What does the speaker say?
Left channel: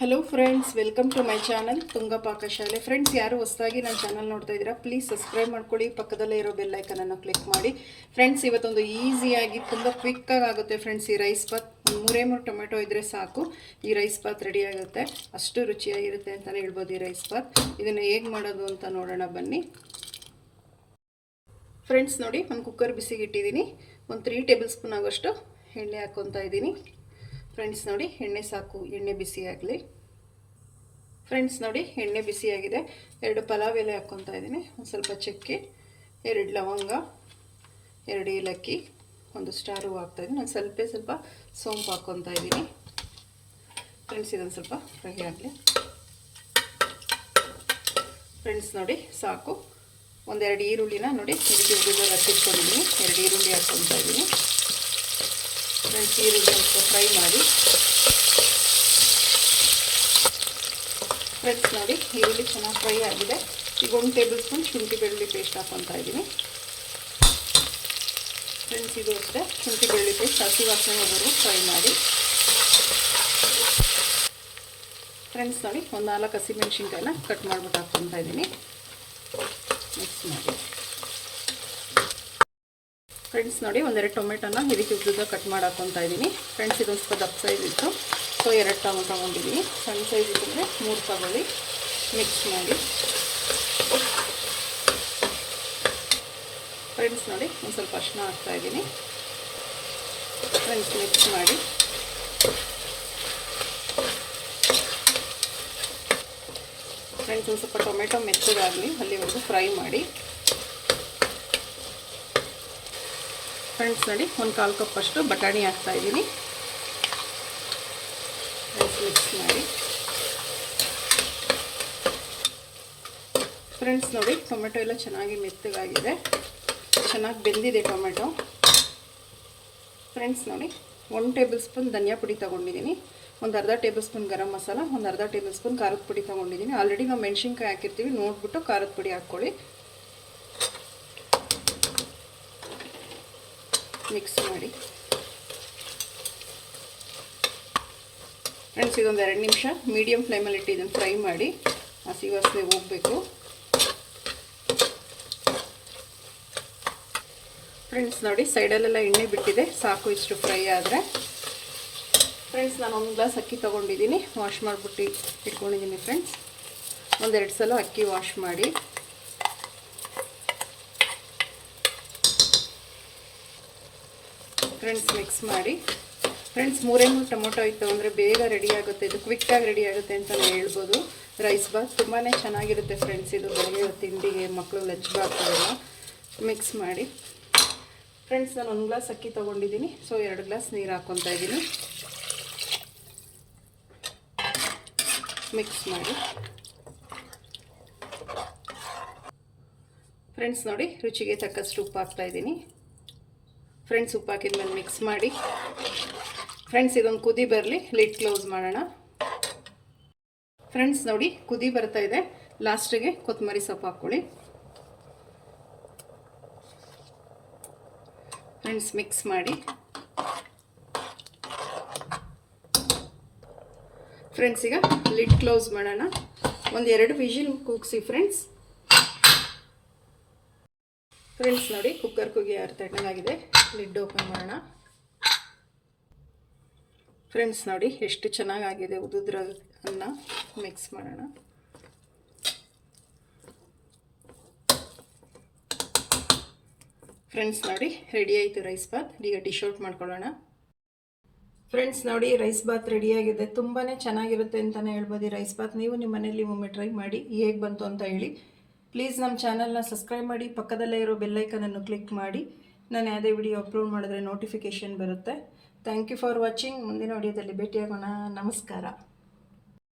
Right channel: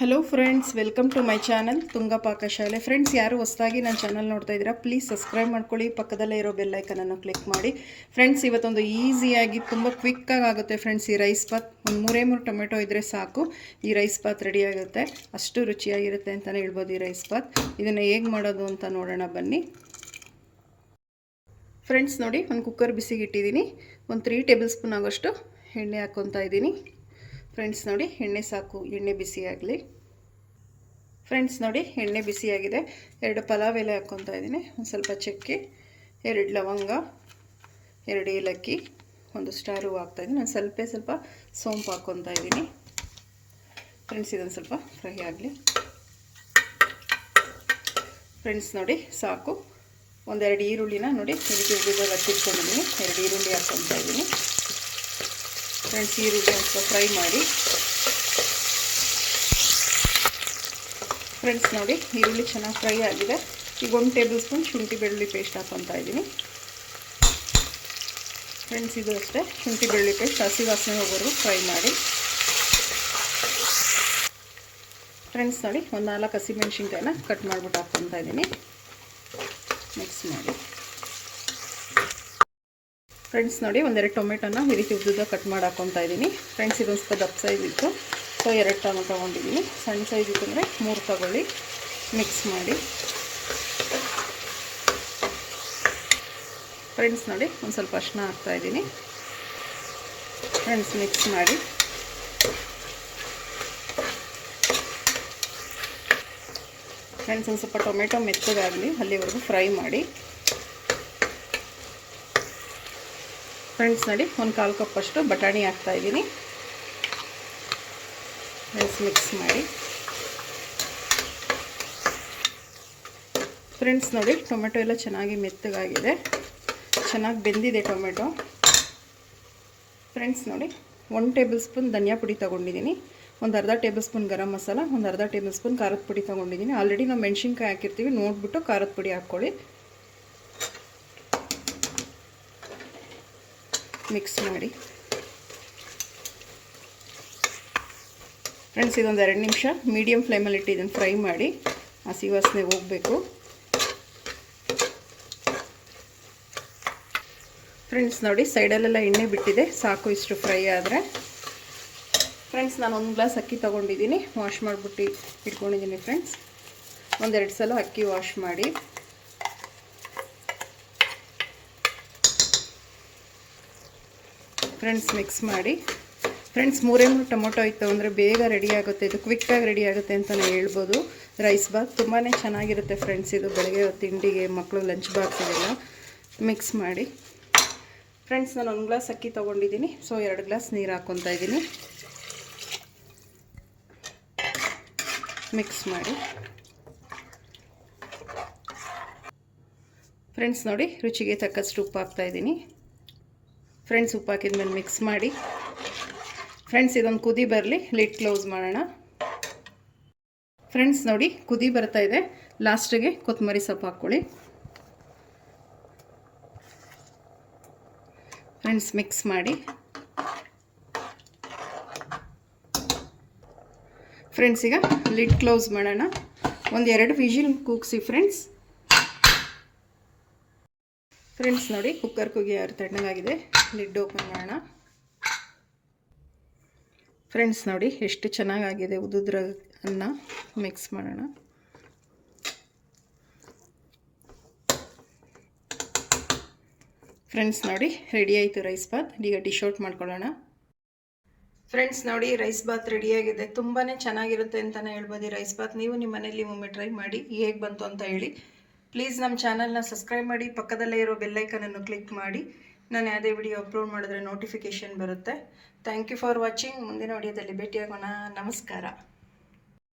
Hello friends welcome to my channel Tunga Pakashale friends ಯಾರು ಹೊಸದಾಗಿ ನನ್ನ ಚಾನಲ್ ನೋಡ್ತಾ ಇದ್ದೀರಾ ಪ್ಲೀಸ್ ಸಬ್ಸ್ಕ್ರೈಬ್ ಮಾಡ್ಕೊಳ್ಳಿ. ಪಕ್ಕದಲ್ಲೇ ಇರೋ ಬೆಲ್ಲೈಕನನ್ನು ಕ್ಲಿಕ್ ಮಾಡಿ. ಫ್ರೆಂಡ್ಸ್ ಇವತ್ತೊಂದು ಈಸಿಯಾಗಿ ತುಂಬ ಕ್ವಿಕ್ಕಾಗಿ ಆಗುತ್ತೆ ಫ್ರೆಂಡ್ಸ್ ಈ ರೈಸ್ ಬಾತ್ ಒಂದು ಮೂರೇ ಮೂರು ಟೊಮೆಟೊ ಇದ್ದರೆ ಸಾಕು. ಈ ರೈಸ್ ಬಾತ್ ರೆಡಿ ಆಗುತ್ತೆ. ಅಷ್ಟು ರುಚಿಯಾಗಿರುತ್ತೆ ಅಂತಲೇ ಹೇಳ್ಬೋದು ಈ ರೈಸ್ ಬಾತ್ ಇದನ್ನು ಹೇಗೆ ಮಾಡೋದು ಅಂತ ನೋಡೋಣ ಬನ್ನಿ. ಫ್ರೆಂಡ್ಸ್ ನೋಡಿ, ಒಂದು ಕುಕ್ಕರ್ ಬಿಸಿಗೆ ಇಟ್ಟಿದ್ದೀನಿ. ಒಂದು ತ್ರೀ ಟೇಬಲ್ ಸ್ಪೂನ್ ಆಗೋಷ್ಟು ಎಣ್ಣೆ ಹಾಕ್ಕೊತಾ ಇದ್ದೀನಿ. ಫ್ರೆಂಡ್ಸ್ ನೋಡಿ, ಎಣ್ಣೆ ಸಾಕು, ಎಣ್ಣೆ ಬಿಸಿ ಆಗಲಿ. ಫ್ರೆಂಡ್ಸ್ ನೋಡಿ, ಎಣ್ಣೆ ಬಿಸಿಯಾಗಿದೆ. ಎರಡು ಪಲಾವ್ ಎಲೆ ಹಾಕ್ಕೊತಾ ಇದ್ದೀನಿ. ಒಂದು ಸ್ವಲ್ಪ ಚಕ್ಕೆ, ಎರಡು ಲವಂಗ, ಎರಡು ಏಲಕ್ಕಿ, ಒಂದು ಸ್ಟಾರ್ ಹಾಕ್ತಾ ಹಾಕ್ತಾಯಿದ್ದೀನಿ ನಾನು ಸ್ವಲ್ಪ ಸ್ವಲ್ಪ ಸೋಂಪು ಹಾಕ್ಕೊತಾ ಇದ್ದೀನಿ. ಫ್ರೆಂಡ್ಸ್, ಇದೊಂದು ಸ್ವಲ್ಪ ಫ್ರೈ ಆಗಲಿ. ಫ್ರೆಂಡ್ಸ್ ನೋಡಿ, ಸಾಕು. ಒಂದೆರಡು ಈರುಳ್ಳಿನ ನೋಡಿ ಹಚ್ಚಿಟ್ಕೊಂಡಿದ್ದೀನಿ ಎರಡು ಈರುಳ್ಳಿ ಹಾಕ್ಕೊತಾ ಇದ್ದೀನಿ. ಫ್ರೆಂಡ್ಸ್, ಈರುಳ್ಳಿ ಸ್ವಲ್ಪ ಫ್ರೈ ಮಾಡಿ ಫ್ರೆಂಡ್ಸ್ ನೋಡಿ, ಈರುಳ್ಳಿ ಚೆನ್ನಾಗಿ ಫ್ರೈ ಆಗಿದೆ. ಈಗ ಒಂದು ಟೇಬಲ್ ಸ್ಪೂನ್ ಶುಂಠಿ ಬೆಳ್ಳುಳ್ಳಿ ಪೇಸ್ಟ್ ಹಾಕ್ಕೊತಾ ಇದ್ದೀನಿ ಫ್ರೆಂಡ್ಸ್, ಇದು ಅಷ್ಟೇ. ಶುಂಠಿ ಬೆಳ್ಳುಳ್ಳಿ ಪೇಸ್ಟ್ ಹಸಿ ವಾಸನೆ ಹೋಗೋರು ಫ್ರೈ ಮಾಡಿ. ಫ್ರೆಂಡ್ಸ್, ನೋಡಿ, ಒಂದು ನಾಲ್ಕು ಹಸಿಮೆಣ್ಸಿನ್ಕಾಯನ್ನ ಕಟ್ ಮಾಡಿಬಿಟ್ಟು ಹಾಕ್ಕೊತಾ ಇದ್ದೀನಿ ಮಿಕ್ಸ್ ಮಾಡಿ. ಫ್ರೆಂಡ್ಸ್, ನೋಡಿ, ಒಂದೆರಡು ಟೊಮೆಟೊನ ಈ ರೀತಿ ಉದ್ದುದ್ದ ಕಟ್ ಮಾಡಿ ಹಾಕ್ಕೊತಾ ಇದ್ದೀನಿ ಫ್ರೆಂಡ್ಸ್, ಇದೊಂದು ಸ್ವಲ್ಪ ದಪ್ಪ ಸೈಜ್ ಇತ್ತು. ಸೊ, ಎರಡು ಟೊಮೊ ತೊಗೊಂಡಿದ್ದೀನಿ. ಸಣ್ಣ ಸೈಜ್ ಇದ್ದರೆ ಮೂರು ತಗೊಳ್ಳಿ. ಮಿಕ್ಸ್ ಮಾಡಿ. ಫ್ರೆಂಡ್ಸ್ ನೋಡಿ, ಒಂದು ಸ್ವಲ್ಪ ಅರ್ಶಿನ ಹಾಕ್ತಾಯಿದ್ದೀನಿ ಫ್ರೆಂಡ್ಸ್ ಮಿಕ್ಸ್ ಮಾಡಿ. ಫ್ರೆಂಡ್ಸ್ ಒಂದು ಸ್ವಲ್ಪ ಟೊಮೆಟೊ ಮೆತ್ತಗಾಗಲಿ ಅಲ್ಲಿವರೆಗೂ ಫ್ರೈ ಮಾಡಿ. ಫ್ರೆಂಡ್ಸ್ ನೋಡಿ, ಒಂದು ಕಾಲು ಕಪ್ಪಷ್ಟು ಬಟಾಣಿ ಹಾಕ್ತಾಯಿದ್ದೀನಿ ಮಿಕ್ಸ್ ಮಾಡಿ ಫ್ರೆಂಡ್ಸ್ ನೋಡಿ, ಟೊಮೆಟೊ ಎಲ್ಲ ಚೆನ್ನಾಗಿ ಮೆತ್ತಗಾಗಿದೆ. ಚೆನ್ನಾಗಿ ಬೆಂದಿದೆ ಟೊಮೆಟೊ. ಫ್ರೆಂಡ್ಸ್ ನೋಡಿ ಒನ್ ಟೇಬಲ್ ಸ್ಪೂನ್ ಧನಿಯಾ ಪುಡಿ ತೊಗೊಂಡಿದ್ದೀನಿ. ಒಂದು ಅರ್ಧ ಟೇಬಲ್ ಸ್ಪೂನ್ ಗರಂ ಮಸಾಲ, ಒಂದು ಅರ್ಧ ಟೇಬಲ್ ಸ್ಪೂನ್ ಖಾರದ ಪುಡಿ ತೊಗೊಂಡಿದ್ದೀನಿ. ಆಲ್ರೆಡಿ ನಾವು ಮೆಣಸಿನ್ಕಾಯಿ ಹಾಕಿರ್ತೀವಿ, ನೋಡಿಬಿಟ್ಟು ಖಾರದ ಪುಡಿ ಹಾಕ್ಕೊಳ್ಳಿ. ಮಿಕ್ಸ್ ಮಾಡಿ. ಫ್ರೆಂಡ್ಸ್ ಇದೊಂದು ಎರಡು ನಿಮಿಷ. ಮೀಡಿಯಮ್ ಫ್ಲೇಮಲ್ಲಿ ಇಟ್ಟು ಇದನ್ನು ಫ್ರೈ ಮಾಡಿ. ಹಸಿ ವಾಸನೆ ಹೋಗಬೇಕು. ಫ್ರೆಂಡ್ಸ್ ನೋಡಿ, ಸೈಡಲ್ಲೆಲ್ಲ ಎಣ್ಣೆ ಬಿಟ್ಟಿದೆ. ಸಾಕು ಇಷ್ಟು ಫ್ರೈ ಆದರೆ. ಫ್ರೆಂಡ್ಸ್ ನಾನು ಒಂದು ಗ್ಲಾಸ್ ಅಕ್ಕಿ ತೊಗೊಂಡಿದ್ದೀನಿ ವಾಶ್ ಮಾಡಿಬಿಟ್ಟು ಇಟ್ಕೊಂಡಿದ್ದೀನಿ ಫ್ರೆಂಡ್ಸ್ ಒಂದೆರಡು ಸಲ ಅಕ್ಕಿ ವಾಶ್ ಮಾಡಿ. ಫ್ರೆಂಡ್ಸ್ ಮಿಕ್ಸ್ ಮಾಡಿ. ಫ್ರೆಂಡ್ಸ್ ಮೂರೇ ಮೂರು ಟೊಮೊಟೊ ಇತ್ತು ಅಂದರೆ ಬೇಗ ರೆಡಿ ಆಗುತ್ತೆ. ಇದು ಕ್ವಿಕ್ಕಾಗಿ ರೆಡಿ ಆಗುತ್ತೆ ಅಂತಲೇ ಹೇಳ್ಬೋದು. ರೈಸ್ ಬಾತ್ ತುಂಬಾ ಚೆನ್ನಾಗಿರುತ್ತೆ ಫ್ರೆಂಡ್ಸ್ ಇದು ಬೆಳಗ್ಗೆ ತಿಂಡಿಗೆ ಮಕ್ಕಳು ಲಂಚ್ ಬಾಕ್ಸ್ಗೆಲ್ಲ ಮಿಕ್ಸ್ ಮಾಡಿ. ಫ್ರೆಂಡ್ಸ್ ನಾನು ಒಂದು ಗ್ಲಾಸ್ ಅಕ್ಕಿ ತೊಗೊಂಡಿದ್ದೀನಿ. ಸೊ ಎರಡು ಗ್ಲಾಸ್ ನೀರು ಹಾಕ್ಕೊತಾ ಇದ್ದೀನಿ. ಮಿಕ್ಸ್ ಮಾಡಿ. ಫ್ರೆಂಡ್ಸ್ ನೋಡಿ, ರುಚಿಗೆ ತಕ್ಕಷ್ಟು ಉಪ್ಪು ಹಾಕ್ತಾಯಿದ್ದೀನಿ ಫ್ರೆಂಡ್ಸ್ ಉಪ್ಪು ಹಾಕಿದ್ಮೇಲೆ ಮಿಕ್ಸ್ ಮಾಡಿ. ಫ್ರೆಂಡ್ಸ್ ಇದೊಂದು ಕುದಿ ಬರಲಿ ಲಿಟ್ ಕ್ಲೋಸ್ ಮಾಡೋಣ. ಫ್ರೆಂಡ್ಸ್ ನೋಡಿ, ಕುದಿ ಬರ್ತಾ ಇದೆ. ಲಾಸ್ಟಿಗೆ ಕೊತ್ತಂಬರಿ ಸೊಪ್ಪು ಹಾಕ್ಕೊಳ್ಳಿ. ಫ್ರೆಂಡ್ಸ್ ಮಿಕ್ಸ್ ಮಾಡಿ. ಫ್ರೆಂಡ್ಸ್ ಈಗ ಲಿಡ್ ಕ್ಲೋಸ್ ಮಾಡೋಣ. ಒಂದು ಎರಡು ವಿಷಿಲ್ ಕೂಗಿಸಿ ಫ್ರೆಂಡ್ಸ್ ಫ್ರೆಂಡ್ಸ್ ನೋಡಿ ಕುಕ್ಕರ್ ಕುಗಿ ಯಾರು ತಣ್ಣಗಾಗಿದೆ ಲಿಡ್ ಓಪನ್ ಮಾಡೋಣ. ಫ್ರೆಂಡ್ಸ್ ನೋಡಿ ಎಷ್ಟು ಚೆನ್ನಾಗಾಗಿದೆ ಉದುದ್ರ ಅನ್ನ ಮಿಕ್ಸ್ ಮಾಡೋಣ. ಫ್ರೆಂಡ್ಸ್ ನೋಡಿ ರೆಡಿ ಆಯಿತು ರೈಸ್ ಬಾತ್ ಈಗ ಡಿಶ್ ಔಟ್ ಮಾಡ್ಕೊಳ್ಳೋಣ. ಫ್ರೆಂಡ್ಸ್ ನೋಡಿ ರೈಸ್ ಬಾತ್ ರೆಡಿಯಾಗಿದೆ ತುಂಬಾ ಚೆನ್ನಾಗಿರುತ್ತೆ ಅಂತಲೇ ಹೇಳ್ಬೋದು ಈ ರೈಸ್ ಬಾತ್ ನೀವು ನಿಮ್ಮ ಮನೇಲಿ ಒಮ್ಮೆ ಟ್ರೈ ಮಾಡಿ ಹೇಗೆ ಬಂತು ಅಂತ ಹೇಳಿ. ಪ್ಲೀಸ್ ನಮ್ಮ ಚಾನಲ್ನ ಸಬ್ಸ್ಕ್ರೈಬ್ ಮಾಡಿ, ಪಕ್ಕದಲ್ಲೇ ಇರೋ ಬೆಲ್ಲೈಕನನ್ನು ಕ್ಲಿಕ್ ಮಾಡಿ. ನಾನು ಯಾವುದೇ ವಿಡಿಯೋ ಅಪ್ಲೋಡ್ ಮಾಡಿದ್ರೆ ನೋಟಿಫಿಕೇಷನ್ ಬರುತ್ತೆ. ಥ್ಯಾಂಕ್ ಯು ಫಾರ್ ವಾಚಿಂಗ್ ಮುಂದಿನ ವಿಡಿಯೋದಲ್ಲಿ ಭೇಟಿಯಾಗೋಣ. ನಮಸ್ಕಾರ.